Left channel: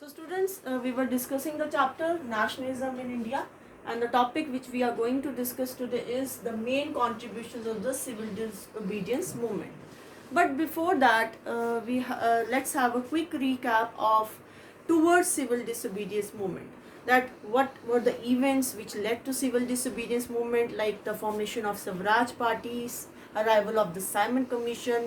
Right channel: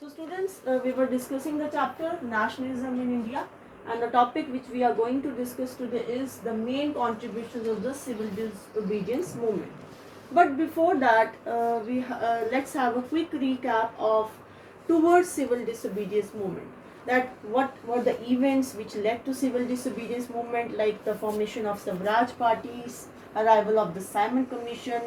So students, we were discussing the chapter Nationalism in India, and the topic which we are going to discuss today is the main contributions of the civil disobedience movement. But before that, let's have a quick recap of towards civil disobedience movement. That what were the events which led to civil disobedience movement, like the formation of Swaraj parties, arrival of the Simon Commission,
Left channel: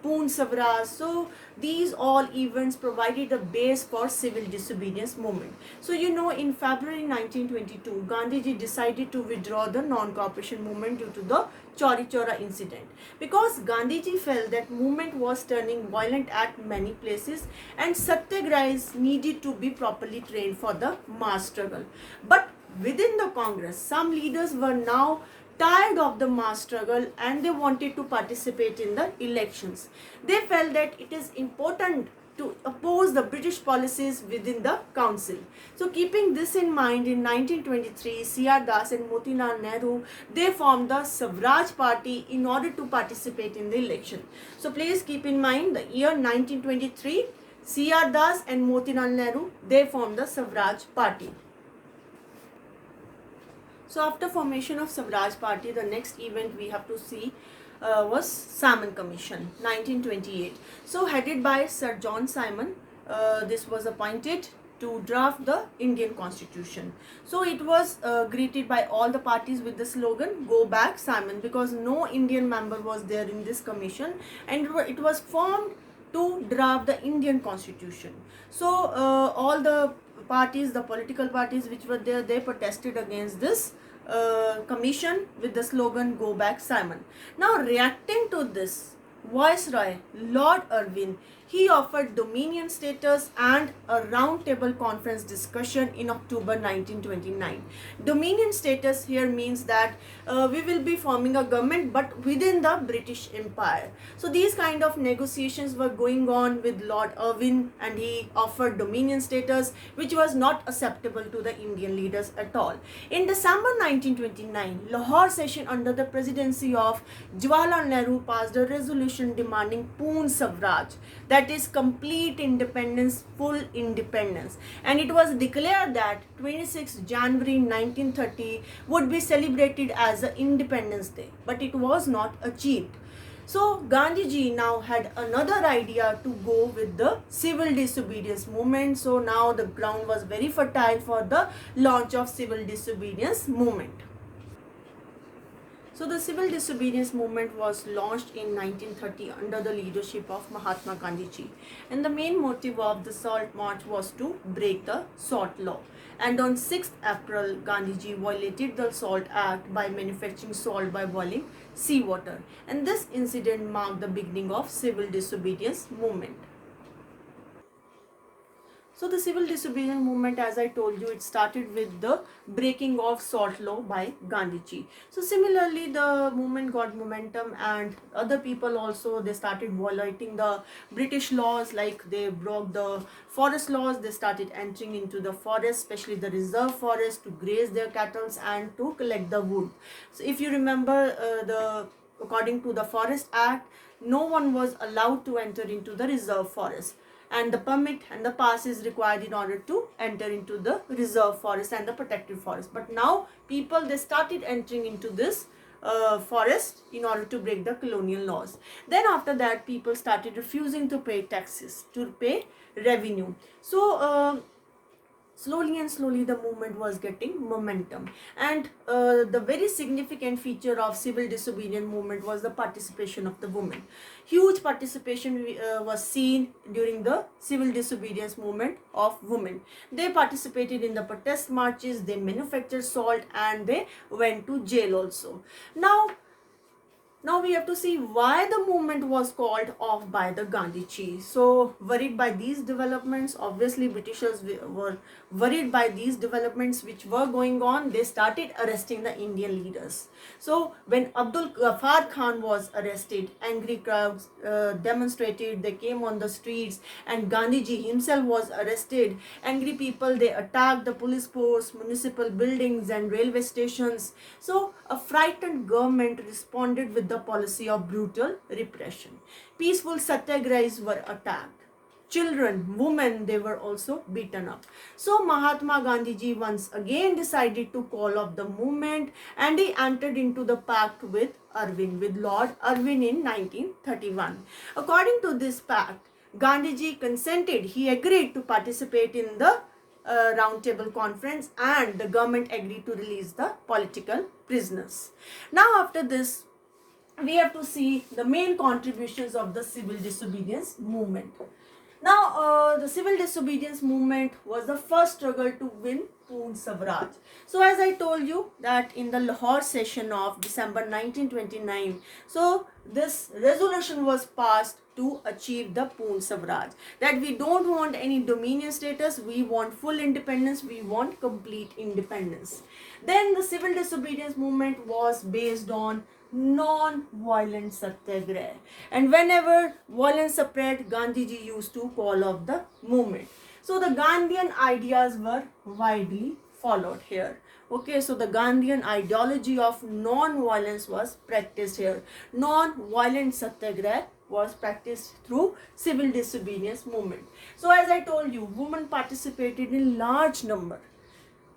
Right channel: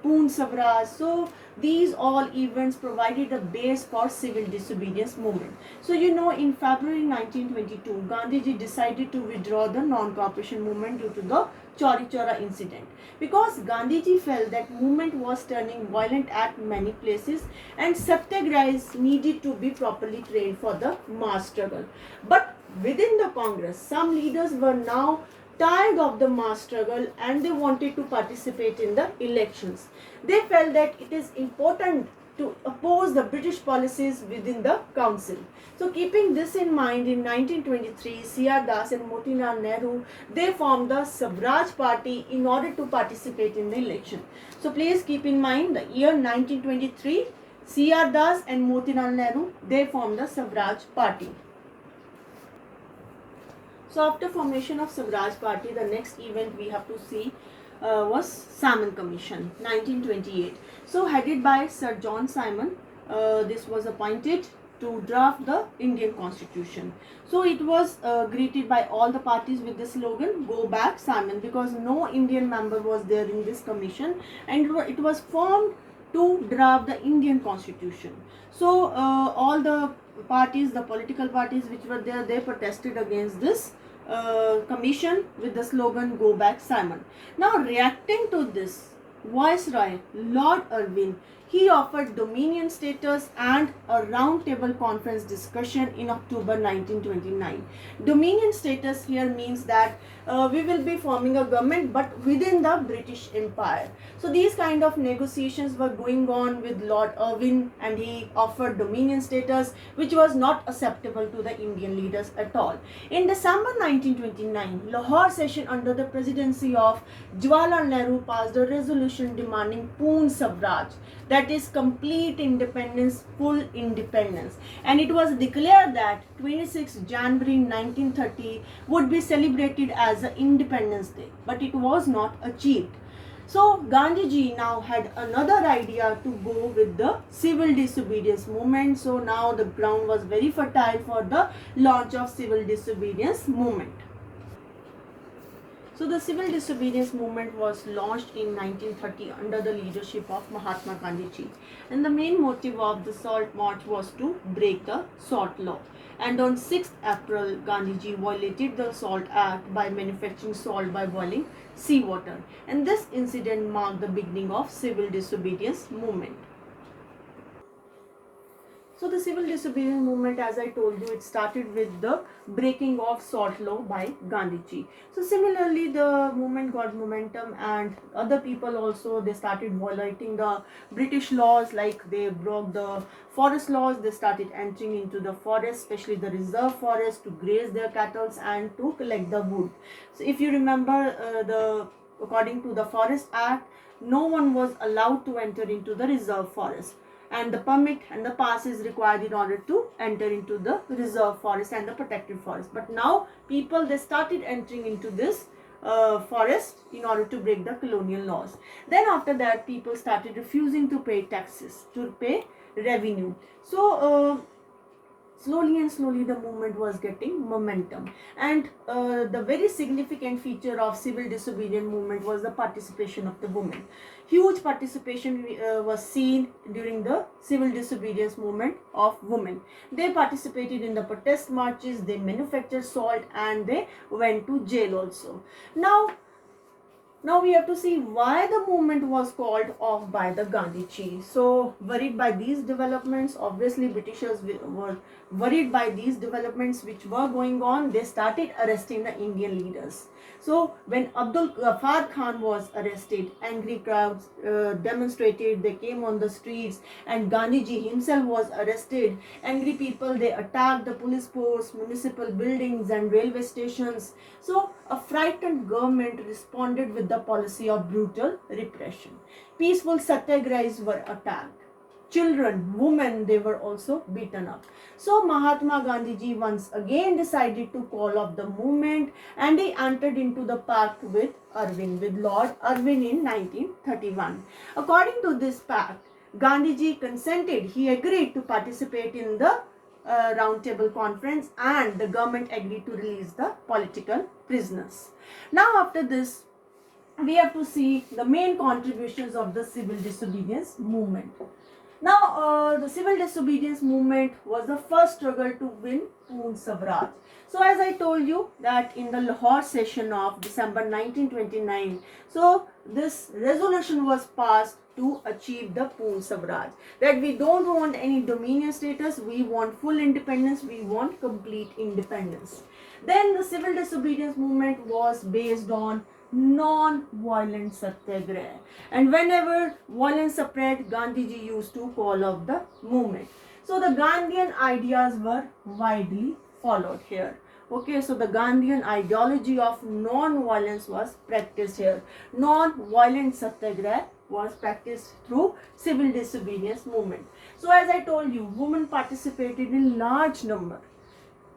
Poon Swaraj. So these all events provided a base for civil disobedience movement. So in February 1922, Gandhiji decided to withdraw the non-cooperation movement due to the Chauri Chaura incident, because Gandhiji felt that movement was turning violent at many places and satyagrahis needed to be properly trained for the mass struggle. But within the Congress, some leaders were now tired of the mass struggle and they wanted to participate in the elections. They felt that it is important to oppose the British policies within the council. So keeping this in mind, in 1923, C.R. Das and Motilal Nehru, they formed the Swaraj Party in order to participate in the election. So please keep in mind the year 1923, C.R. Das and Motilal Nehru, they formed the Swaraj Party. So after formation of Swaraj Party, the next event we have to see was Simon Commission, 1928. So headed by Sir John Simon, this was appointed to draft the Indian Constitution. So it was greeted by all the parties with the slogan, "Go back Simon," because no Indian member was there in this commission, and it was formed to draft the Indian Constitution. So all the parties, the political parties which were there, they protested against this commission with the slogan, "Go back Simon." Now reacting to this, Viceroy Lord Irwin, he offered dominion status and a round table conference discussion in October 1929. Dominion status here means that we will be forming a government but within the British Empire. So these kind of negotiations were going on with Lord Irwin, and he offered dominion status, which was not acceptable to the Indian leaders at all. In December 1929, Lahore session under the presidency of Jawaharlal Nehru passed a resolution demanding Poon Swaraj, that is complete independence, full independence, and it was declared that 26 January 1930 would be celebrated as the Independence Day, but it was not achieved. So Gandhiji now had another idea to go with the civil disobedience movement. So now the ground was very fertile for the launch of civil disobedience movement. So the civil disobedience movement was launched in 1930 under the leadership of Mahatma Gandhi, and the main motive of the Salt March was to break the salt law. And on 6th April, Gandhiji violated the Salt Act by manufacturing salt by boiling seawater, and this incident marked the beginning of civil disobedience movement. So the civil disobedience movement, as I told you, it started with the breaking of salt law by Gandhiji. So similarly, the movement got momentum, and other people also, they started violating the British laws, like they broke the forest laws. They started entering into the forest, especially the reserve forest, to graze their cattle and to collect the wood. So if you remember, according to the Forest Act, no one was allowed to enter into the reserve forest, and the permit and the pass is required in order to enter into the reserve forest and the protected forest. But now people, they started entering into this forest in order to break the colonial laws. Then after that, people started refusing to pay taxes, to pay revenue. So slowly and slowly the movement was getting momentum, and the very significant feature of civil disobedience movement was the participation of the women. Huge participation was seen during the civil disobedience movement of women. They participated in the protest marches, they manufactured salt, and they went to jail also. Now we have to see why the movement was called off by the Gandhiji. So worried by these developments, obviously Britishers were worried by these developments which were going on. They started arresting the Indian leaders. So when Abdul Ghaffar Khan was arrested, angry crowds demonstrated, they came on the streets, and Gandhiji himself was arrested. Angry people, they attacked the police force, municipal buildings and railway stations. So a frightened government responded with the policy of brutal repression. Peaceful satyagrahis were attacked. children, women, they were also beaten up. So Mahatma Gandhi ji once again decided to call off the movement, and he entered into the pact with Lord Irwin in 1931. According to this pact, Gandhiji consented, he agreed to participate in the round table conference, and the government agreed to release the political prisoners. Now after this, we have to see the main contributions of the civil disobedience movement. Now, the civil disobedience movement was the first struggle to win Poon Swaraj. So, as I told you that in the Lahore session of December 1929, so this resolution was passed to achieve the Poon Swaraj. That we don't want any dominion status, we want full independence, we want complete independence. Then the civil disobedience movement was based on non-violent satyagraha, and whenever violence spread, Gandhiji used to call off the movement. So the Gandhian ideas were widely followed here. Okay, so the Gandhian ideology of non-violence was practiced here. Non-violent satyagraha was practiced through civil disobedience movement. So as I told you, women participated in large number.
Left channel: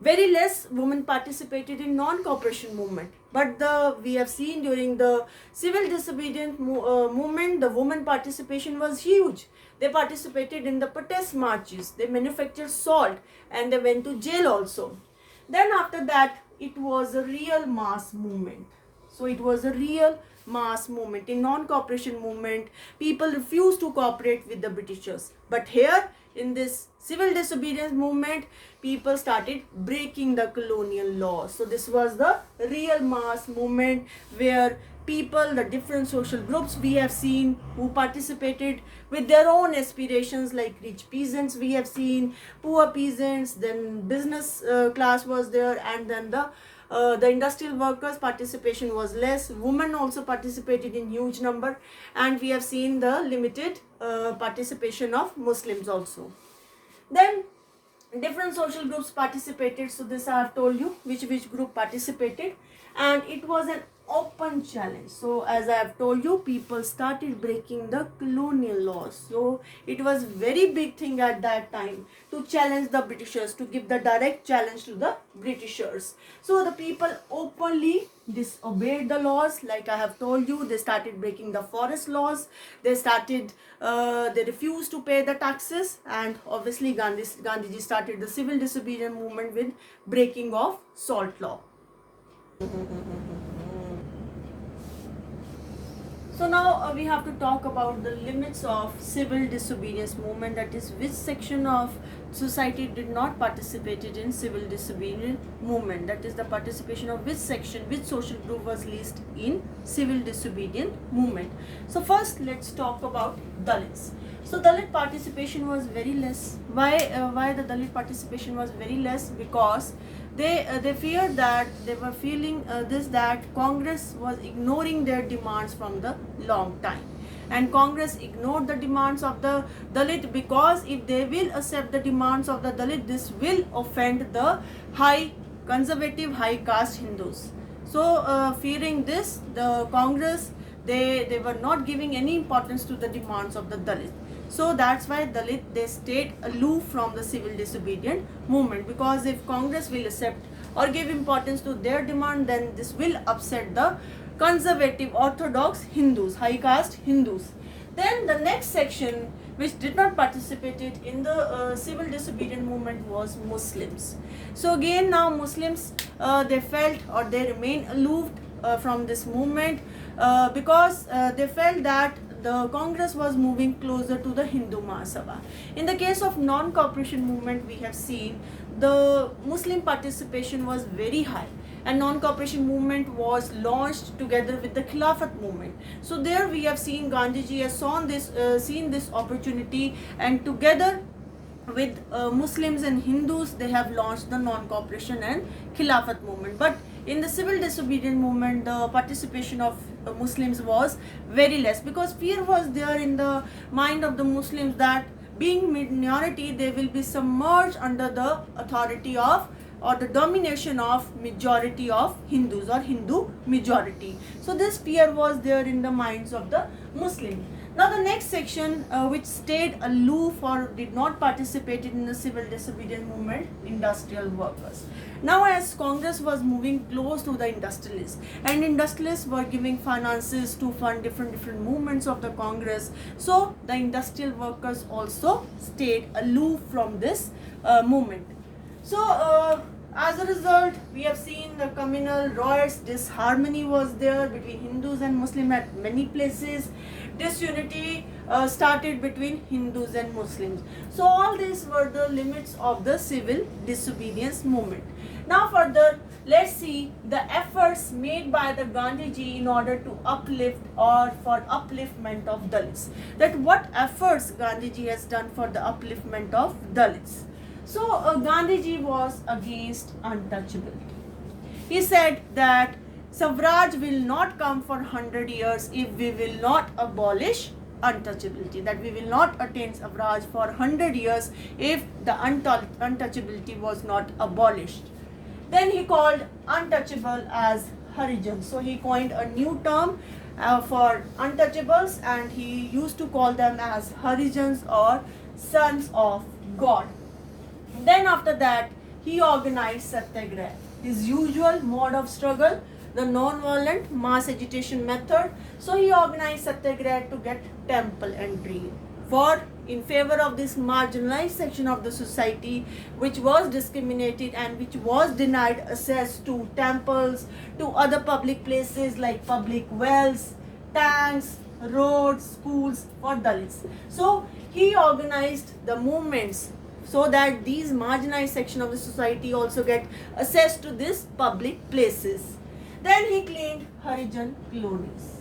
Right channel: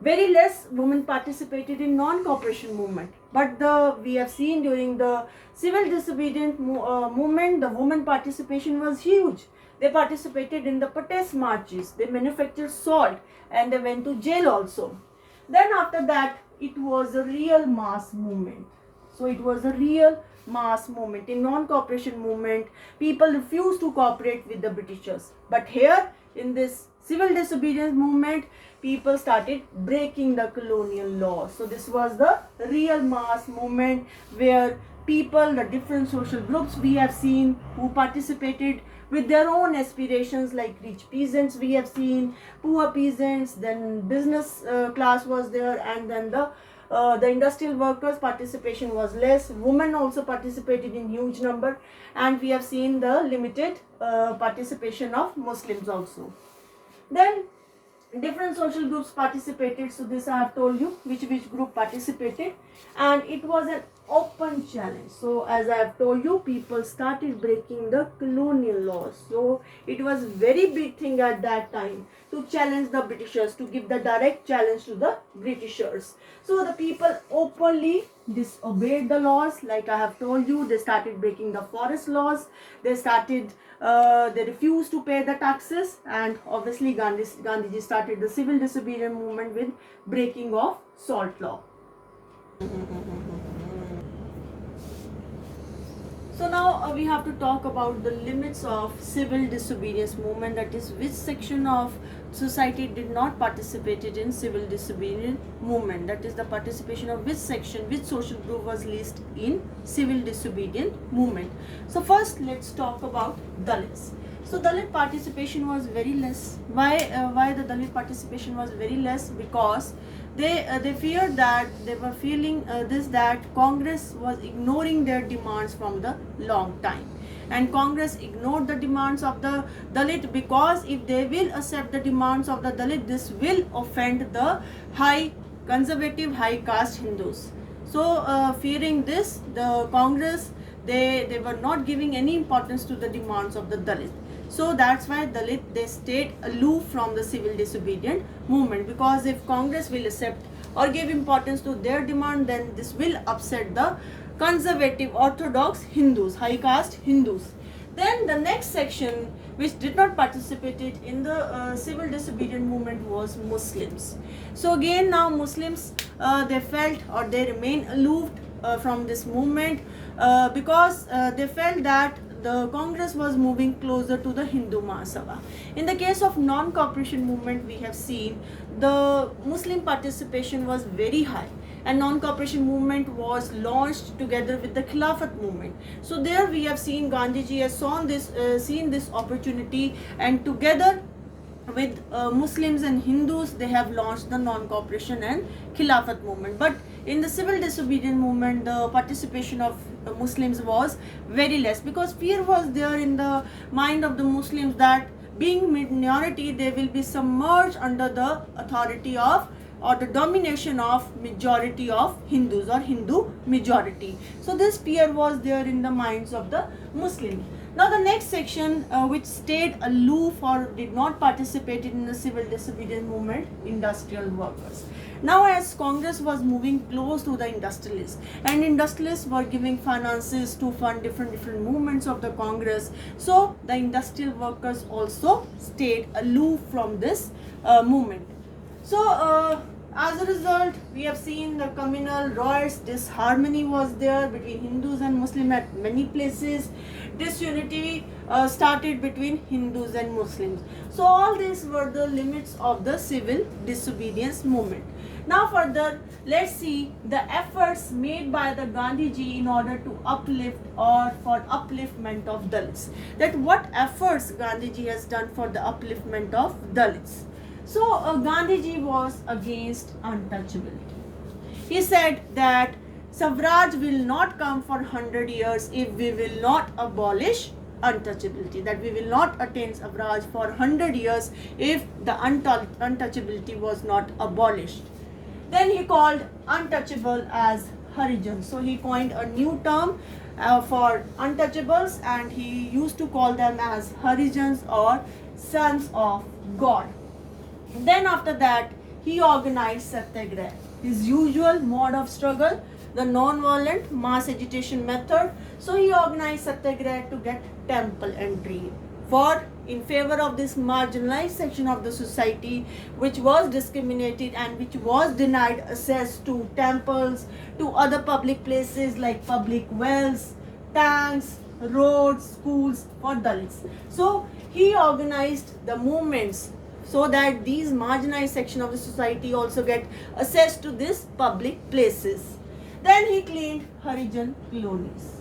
Very less women participated in non-cooperation movement, but we have seen during the civil disobedience movement, the women participation was huge. They participated in the protest marches, they manufactured salt, and they went to jail also. Then after that, it was a real mass movement. So it was a real mass movement. In non-cooperation movement, people refused to cooperate with the Britishers, but here in this civil disobedience movement, people started breaking the colonial laws. So this was the real mass movement where people, the different social groups we have seen who participated with their own aspirations, like rich peasants we have seen, poor peasants, then business class was there, and then the industrial workers participation was less. Women also participated in huge number, and we have seen the limited participation of Muslims also. Then different social groups participated. So this I have told you which group participated, and it was an open challenge. So as I have told you, people started breaking the colonial laws. So it was very big thing at that time to challenge the Britishers, to give the direct challenge to the Britishers. So the people openly disobeyed the laws. Like I have told you, they started breaking the forest laws. They refused to pay the taxes, and obviously Gandhiji started the civil disobedience movement with breaking of salt law. So now we have to talk about the limits of civil disobedience movement, that is which section of society did not participated in civil disobedience movement, that is the participation of which section, which social group was least in civil disobedience movement. So first let's talk about Dalits. So Dalit participation was very less. Why the Dalit participation was very less? Because they feared that they were feeling that Congress was ignoring their demands from the long time, and Congress ignored the demands of the Dalit, because if they will accept the demands of the Dalit, this will offend the conservative high caste Hindus. So fearing this, the Congress, they were not giving any importance to the demands of the Dalit. So that's why Dalit, they stayed aloof from the civil disobedient movement, because if Congress will accept or give importance to their demand, then this will upset the conservative orthodox Hindus, high caste Hindus. Then the next section which did not participate in the civil disobedient movement was Muslims. So again, now Muslims, they felt or they remained aloof from this movement because they felt that the Congress was moving closer to the Hindu Mahasabha. In the case of non-cooperation movement, we have seen the Muslim participation was very high, and non-cooperation movement was launched together with the Khilafat movement. So there we have seen Gandhiji has seen this opportunity, and together with Muslims and Hindus, they have launched the non-cooperation and Khilafat movement. But in the civil disobedience movement, the participation of Muslims was very less, because fear was there in the mind of the Muslims that being minority, they will be submerged under the authority of or the domination of majority of Hindus or Hindu majority. So this fear was there in the minds of the Muslims. Now the next section, which stayed aloof or did not participate in the civil disobedience movement, industrial workers. Now as Congress was moving close to the industrialists, and industrialists were giving finances to fund different movements of the Congress, so the industrial workers also stayed aloof from this movement. So as a result, we have seen the communal riots, disharmony was there between Hindus and Muslims at many places. Disunity started between Hindus and Muslims. So all these were the limits of the civil disobedience movement. Now further, let's see the efforts made by the Gandhiji in order to uplift or for upliftment of Dalits. That what efforts Gandhiji has done for the upliftment of Dalits. So Gandhiji was against untouchability. He said that Swaraj will not come for 100 years if we will not abolish untouchability. That we will not attain Swaraj for 100 years if the untouchability was not abolished. Then he called untouchable as Harijans. So he coined a new term for untouchables, and he used to call them as Harijans or sons of God. Then after that, he organized Satyagraha, his usual mode of struggle, the non-violent mass agitation method. So he organized Satyagraha to get temple entry for in favor of this marginalized section of the society which was discriminated and which was denied access to temples, to other public places like public wells, tanks, roads, schools for Dalits. So he organized the movements so that these marginalized section of the society also get access to these public places. Then he cleaned Harijan colonies.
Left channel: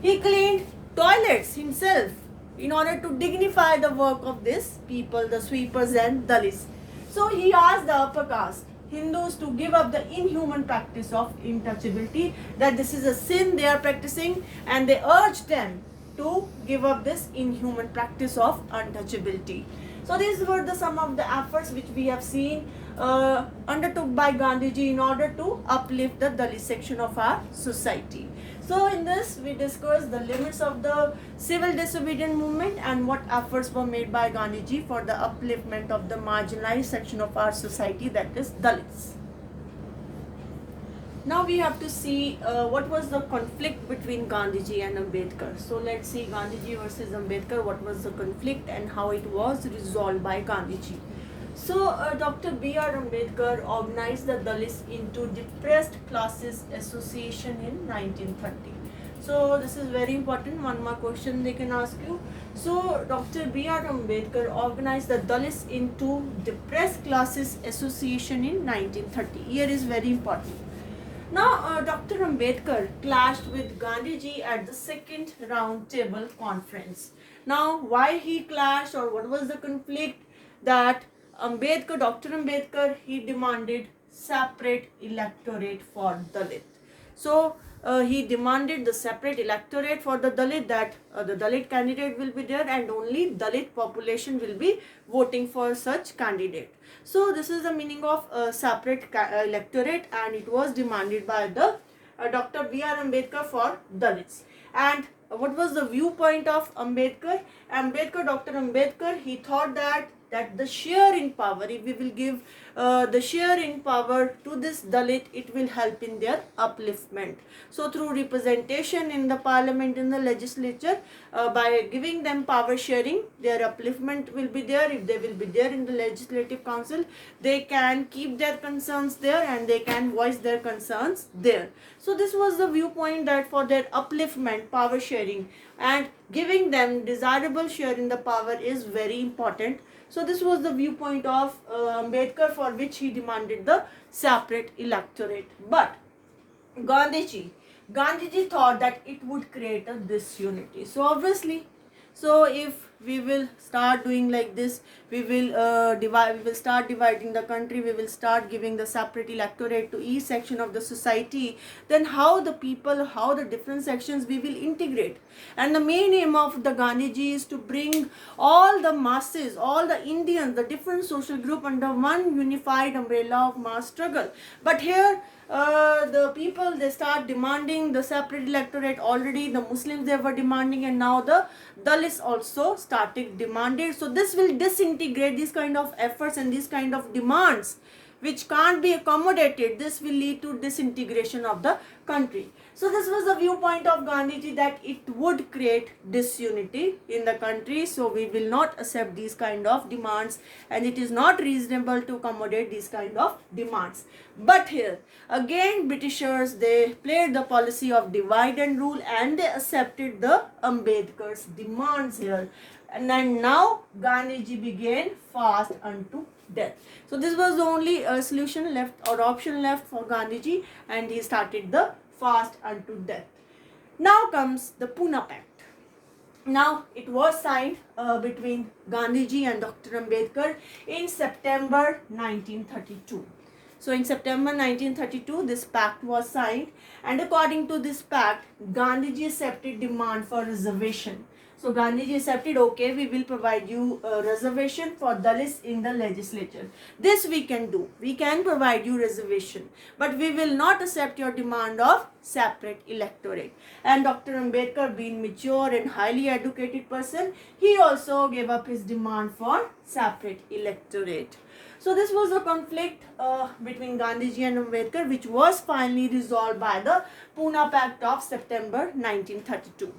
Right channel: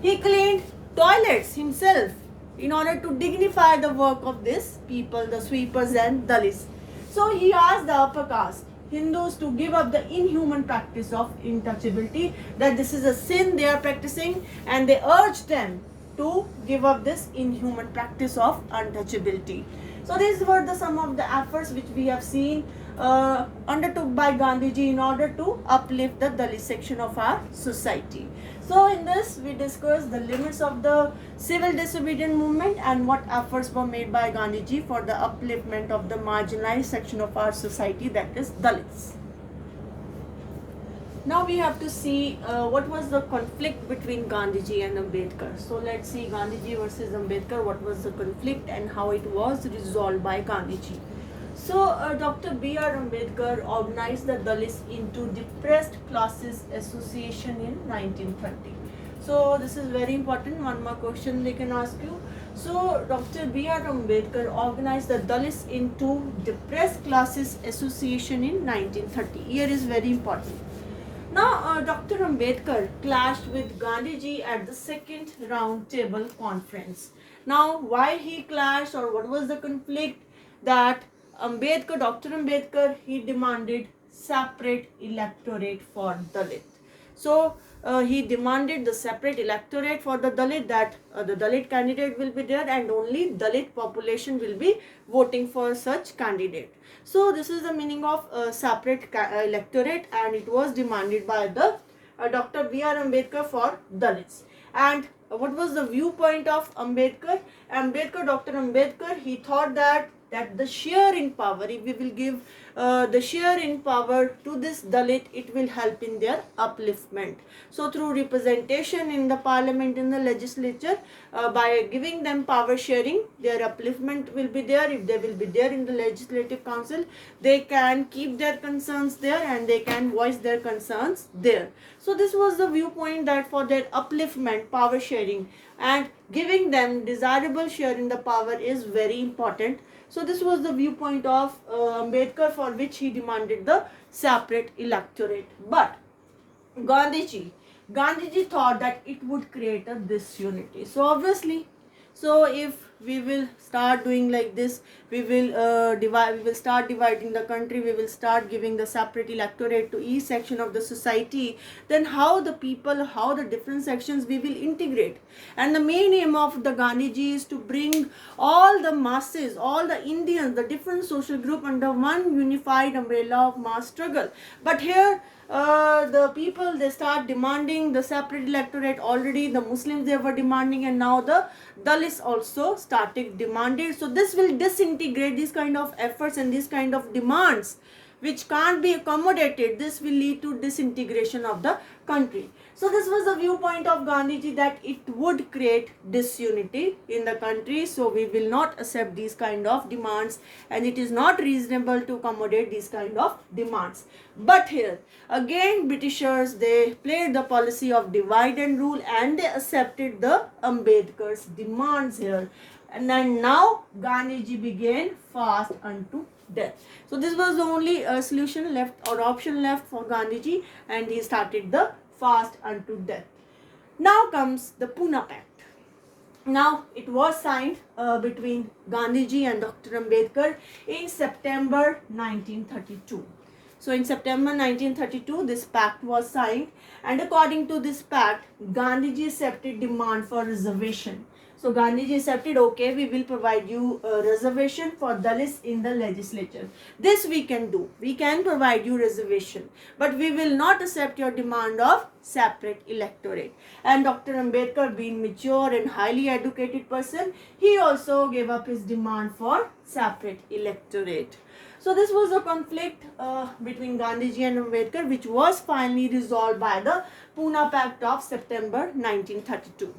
He cleaned toilets himself in order to dignify the work of these people, the sweepers and Dalits. So he asked the upper caste, Hindus, to give up the inhuman practice of untouchability, that this is a sin they are practicing, and they urged them to give up this inhuman practice of untouchability. So these were the some of the efforts which we have seen undertook by Gandhiji in order to uplift the Dalit section of our society. So in this we discussed the limits of the civil disobedience movement and what efforts were made by Gandhiji for the upliftment of the marginalized section of our society, that is Dalits. Now we have to see what was the conflict between Gandhiji and Ambedkar. So let's see Gandhiji versus Ambedkar, what was the conflict and how it was resolved by Gandhiji. So Dr. B.R. Ambedkar organized the Dalits into Depressed Classes Association in 1930. So this is very important, one more question they can ask you. So Dr. B.R. Ambedkar organized the Dalits into Depressed Classes Association in 1930. Here is very important. Now, Dr. Ambedkar clashed with Gandhiji at the second round table conference. Now, why he clashed or what was the conflict? That Dr. Ambedkar, he demanded separate electorate for Dalit. So, he demanded the separate electorate for the Dalit, that the Dalit candidate will be there and only Dalit population will be voting for such candidate. So this is the meaning of separate electorate, and it was demanded by the Dr. B.R. Ambedkar for Dalits. And what was the viewpoint of Ambedkar? Dr. Ambedkar, he thought that the share in power, if we will give the share in power to this Dalit, it will help in their upliftment. So through representation in the parliament, in the legislature, by giving them power sharing, their upliftment will be there. If they will be there in the legislative council, they can keep their concerns there and they can voice their concerns there. So this was the viewpoint, that for their upliftment, power sharing and giving them desirable share in the power is very important. So this was the viewpoint of Ambedkar, for which he demanded the separate electorate. But Gandhiji thought that it would create a disunity. So obviously, so if we will start doing like this, we will we will start dividing the country, we will start giving the separate electorate to each section of the society, then how the people, how the different sections we will integrate. And the main aim of the Gandhiji is to bring all the masses, all the Indians, the different social group under one unified umbrella of mass struggle. But here the people, they start demanding the separate electorate. Already the Muslims, they were demanding, and now the Dalits also started demanding. So this will disintegrate these kind of efforts and these kind of demands which can't be accommodated. This will lead to disintegration of the country. So this was the viewpoint of Gandhiji, that it would create disunity in the country. So we will not accept these kind of demands, and it is not reasonable to accommodate these kind of demands. But here again, Britishers, they played the policy of divide and rule, and they accepted the Ambedkar's demands here. And then now Gandhiji began fast unto death. So this was the only solution left, or option left for Gandhiji, and he started the fast unto death. Now comes the Pune Pact. Now it was signed between Gandhiji and Dr. Ambedkar in September 1932. So in September 1932, this pact was signed, and according to this pact, Gandhiji accepted demand for reservation. So Gandhiji accepted, okay, we will provide you a reservation for Dalits in the legislature. This we can do. We can provide you reservation, but we will not accept your demand of separate electorate. And Dr. Ambedkar, being mature and highly educated person, he also gave up his demand for separate electorate. So this was a conflict between Gandhiji and Ambedkar, which was finally resolved by the Pune Pact of September 1932.